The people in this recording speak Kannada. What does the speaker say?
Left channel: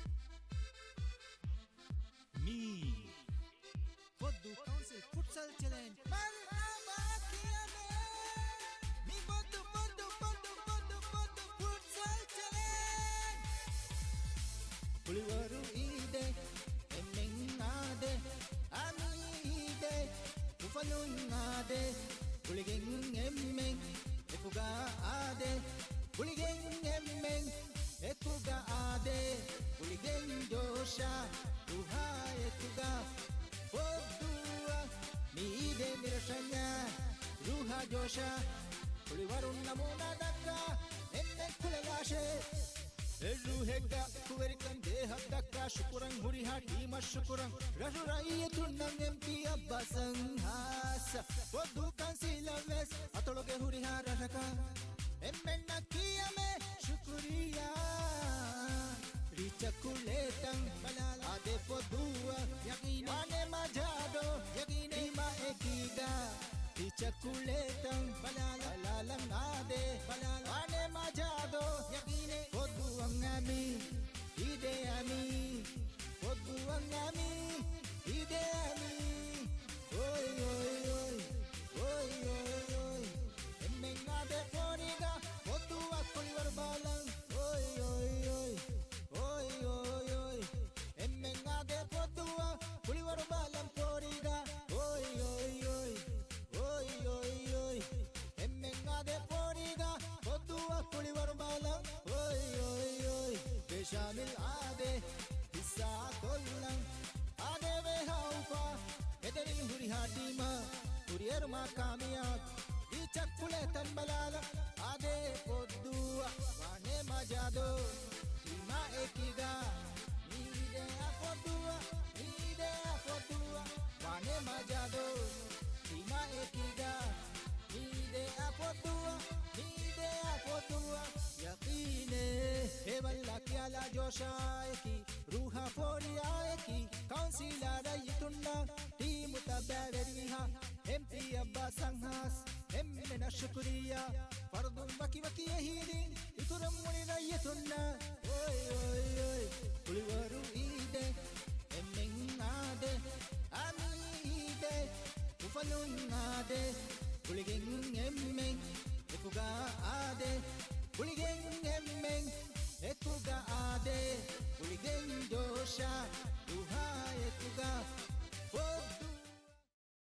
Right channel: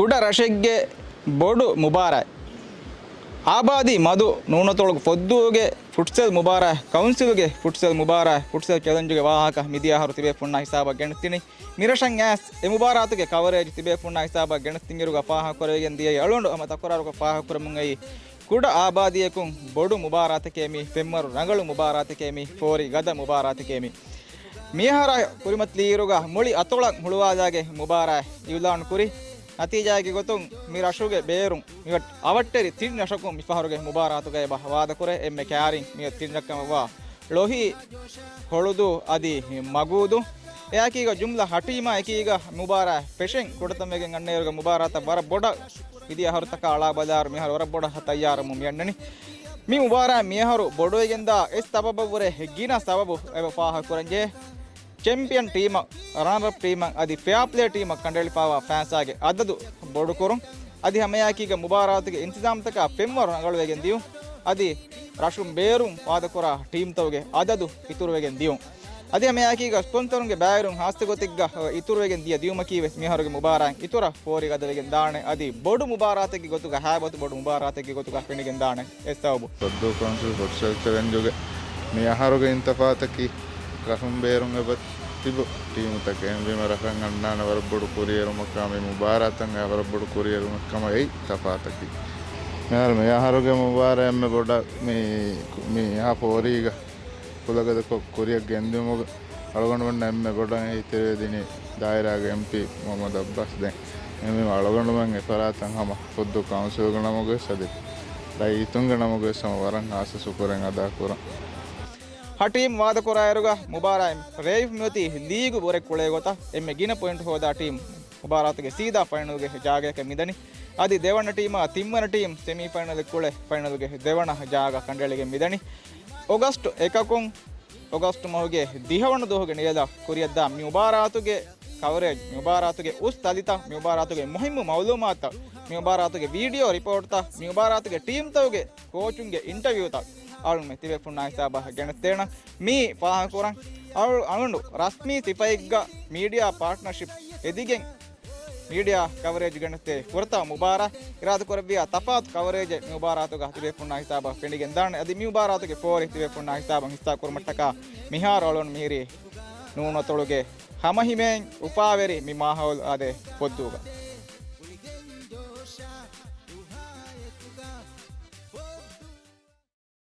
ಕುಡ ರಶೆಗ್ಗೆ ಬೋಡು ಮುಬಾರ ಆಬಾದಿ ಮಧು ನೂನತೊಳಗೆ ಪೊದ್ದುಗೆ ಫುಟ್ಸೆಲ್ ಮುಬಾರ ಕೌನ್ಸಿಲ್ಗೆ ಫುಟ್ಸೆಲ್ ಮುಬಾರ ಫುಟ್ಸೆಲ್ ಕೆದಂಜುಗೆ ವಾಹಕ ಮಿದಿಯಾ ಹರು ತಿಬೆ ಪುಣ್ಣ ಹಿಸಾಬ ಗೆಣಸ್ತೀನಿ ಮಿರಶಂ ಆಸ್ ಎ ಮುಬಾರಾತುಗೆ ಕವರೇಜ್ ತಿಬೆ ಪುಣ್ಣ ಹಿಸಾಬ ಗೆಣಸ್ತಿಂಗಿರುಗ ಪಾಹ ಕೊರೆಗೆ ದಿಯ ಎಳುಂಡು ಅಮ ತಕೊರಾರುಗ ಪಾಹ ಕೊರಮುಂಗೈ ಕುಡ ಆಬಾದಿಯಕು ಬೋಡು ಮುಬಾರಾತಕೇಮಿ ಪೆಮ್ಮರು ರಂಗಳು ಮುಬಾರಾತಕೇಮಿ ಕೋರಿ ಗದ ಮುಬಾರಾತಕೇಮಿ ಮಿಯಹರ ಕುರಿಮತ್ಲೀರುಗ ಮುಳಿ ಅತೊಳ ಮುಳುವಾದಾಗೆ ಮುಬಾರ ಇವ್ಲಾನ್ ಕುರಿ ನತೀಜಾಗಿ ಗೊತ್ತು ಮೀರು ಅಶುಗೆ ಬೇರು ಇವಟ್ ಅವಟ್ಟೆರಿ ತಿಂಡಿ ಅಶಕು ಮಿಫಹರುಗೆ ಮುಬಾರಾತುಗೆ ವಾದ ಕೊರೆ ಎಮ್ಮೆ ಕ್ಯಾರಿ ನೀವು ತಿಂಡಕ್ಕವ ಲೋಹಿ ಹೊಳುದು ಅದಿ ಮಗುವುದು ಯಾಕೀಗ ಜುಮ್ಲ ಹಟೀಮ ಏಕೀಗ ಮುಬಾರ ಪೆಶೆಂಗ್ ಕೊಡತಮ್ಮೆಗೆ ಗಣ್ಣೆಯರ್ಗ ಮುಬಾರಾತ ಬರ ಬೊಡ ಇದೆಯ ಹೊರತಕ ಅಳಾ ಬಜಾರ್ ಮಿಹರು ಹೊರ ಬೊಡ ತಯ್ಯಾರ ಮುಮ್ಮಿ ಎಣ್ಣನಿ ಮೀ ಮುಬಾರ ಮಿಹರು ಬೊಡೋಗಿಂದ ಎಸ್ ತಬಬುರೆ ಹೆಗ್ಗಿನ ಸಬಬು ಪಾಹ ಕೊರಂಜೆ ಚಾಂಪಿಯನ್ ಟೀಮ್ ರನ್ನರ್ ಟೀಮ್ ಅದಿ ಫೇರ್ ಪ್ಲೇ ಟೀಮ್ ಕಂಡೇಳಿ ಪಾವ ಫ್ಯಾನ್ಸ್ ಆಗಿ ಅದದು ಬೊಡುಕೊರು ಅದಿ ಹಮೆಯಾಕೀಗ ಮುಬಾರಾತ್ಗೆ ಇಂತಜಾಮ್ ತಕ ಪೆಮ್ಮರು ಅಂಗಳವೆಗೆನ್ ದಿಯು ಅದಿ ರಾಶುಂ ಬೇರು ವಾದಕೊರ ಟೀಮ್ ತವಗೆ ಅದದು ಇತುರುವೆಗೆನ್ ದಿಯು ಅದಿ ಹಮೆಯಾಕೀಗ ಸ್ಪೊನ್ಸರ್ಗೆ ಬ್ಯಾರು ಹಾಸ್ತೆ ಗೊತ್ತಿಗ್ಗ ಇತುರುವೆಗೆನ್ ದಿಯ ದಿಯು ಮಕೀವೆ ಮಿಹರುಗೆ ಮುಬಾರ ಇತುರ ಫೋರಿಗೆ ಅದವೆಗೆನ್ ದಾಣೆ ಅದಿ ಬೋಡು ಮುಬಾರಾತ್ಗೆ ಗೊತ್ತುಗ ಹ್ಯಾಬತ್ ಬೋಡು ಮುಬಾರಾತ್ಗೆ ಗೊತ್ತುಗ ಪೆಣಿಗೆನ್ ದಾಣೆ ಎಸ್ತಾವು ಸದ್ದು ಕೌನ್ಸಿಲ್ ಹೊಡ್ಸಲ್ತವೆಂಜುಗೆ ಮಿಹರುಗೆ ಇಂತಫಾತಕಿ ರಫಂ ಬೇರುಂಗ ಬತ್ Shibu team ತಕ್ಕೆ ಎಂಬಿಮ ರಫಂ ಅಣ್ಣಾನ ವರಬ್ಬಡು courier ಮಕ್ಕಮ ಮುಬಾರಾತಂಗ ವರಬ್ಬಡು courier ಮಕ್ಕಮ I ತಫಾತಕಿ ಯಾರು ಯಾರುಗೆ ಮುಬಾರ ಎಮ್ಮೆ ಬೊಡ ಮೀ ಯಾ ಪೋರೀಗ ಕುಲಗದ ಕೊರಿಯಕ್ಕೆ ಎಂದು ಮುಗ ಅಳಗೊಂಡು ಬಂಡ ಎಮ್ಮೆ ಬೊಡ ಐತಿದಿನಿ ದಾಯರಾಗ MP ಮೊಹಮ್ಮದ್ ಅಬ್ಬಾಸ್ ದೆ ಎಮ್ಮೆ ಅಳಗೊಂಡು ಬಂಗೆ ಫರಾತಂಗ ಹಮ ಖುದ್ದು ಕೌನ್ಸಿಲ್ಗ ನಮಗೆ ಸದಿ ರೈತುಂಗ ನಮಗೆ ಸಮ ವರಂ ಆಸೆ ಸುಕುರಂಗ ದಾಕುರ ಟೀಮ್ ವಾದ ಕೊರಾಯರುಗ ಮುಬಾರ ರೇಫ್ ಮ್ಯೋತಿ ಲೀಗು ಬೋರೆ ಕುಳೆ ಗೊತ್ತಾ ಎಮ್ಮೆ ಗಿನ ಪಾಯಿಂಟ್ ಹೋದ ಟೀಮ್ ಮುಬಾರಾತ್ಗೆ ಸೀದಾ ಫೈನಲ್ಗೆ ಜಾಗಕ್ಕೆ ಮಿದನಿ ಅದಿ ದೇವಣ್ಣ ಟೀಮ್ ತಿಮ್ಮನ ಟೀಮ್ ಸೆಮಿಫೈನಲ್ ಕುಳೆ ಫೈನಲ್ಗೆ ದೇವಣ್ಣ ಜಾಗ ಕಂಡಳಿಗೆ ಮಿದನಿ ಆಗಸ್ಟ್ ಏಕಕೊಂ ಆಗಸ್ಟ್ ಮೌಗೆ ದಿಹವಣ್ಣ ದೋಹಗೆ ನಿಯದ ಕುರಿಯದ್ದ ಮುಬಾರಾತುಗೆ ಕವರೇಜ್ ಮುಬಾರಾತುಗೆ ಉಸ್ ತಲಿತ ಮುಬಾರಾತುಗೆ ಮುಹಿಮ್ಮು ಮೌಲೂಮಾತ ಮುಬಾರಾತುಗೆ ವಿಡಿಯೋ ರಿಪೋರ್ಟ್ ತ ಮುಬಾರಾತುಗೆ ಟೀಮ್ ತವಗೆ ಕೋಚುಂಗೆ ಇಂಟರ್ವ್ಯೂ ತ ಅವಳು ಮೆ ತಿವೆ ಪುಣ್ಣ ಹಿಸಾಬ ಗೆಣಸ್ತೇಣ ಮೀ ಪಾಹ ಕೊರ ಅವಳು ಅವಳು ರಶ್ಮಿ ಸಿಪೈಗ್ಗ ಮೀಡಿಯಾ ಪಾರ್ಟ್ನರ್ಶಿಪ್ ಎದಿಗೆ ಮೀಡಿಯಾ ಕವರೇಜ್ ಗೆಣಸ್ತೆ ಕೊರತ ಮುಬಾರ ಇರಾದ ಕೊರವಿಯ ತಪಾತ್ ಕವರೇಜ್ ಮುಬಾರಾತುಗ ತಿವೆ ಪುಣ್ಣ ಹಿಸಾಬ ಪೆಂಡಿಗೆ ದಾಣೆ ಅದಿ ಮುಬಾರಾತುಗೆ ಫೋರ್ ತಿವೆ ಪುಣ್ಣ ಹಿಸಾಬ ಹಿಸ್ತಾ ಕುರ್ಮಟ್ಟಕ ಮಿಹಾರ್ ಅವಳನ್ನು ಮೀರಿ ನೂನ ತೊಳುಗೆ ಹಮಹಿಮೆ ಉಪಾವೆರಿ ಮಿ ಮಾಹೌಲ್ ಅದೆ ಪೊದ್ದುಗ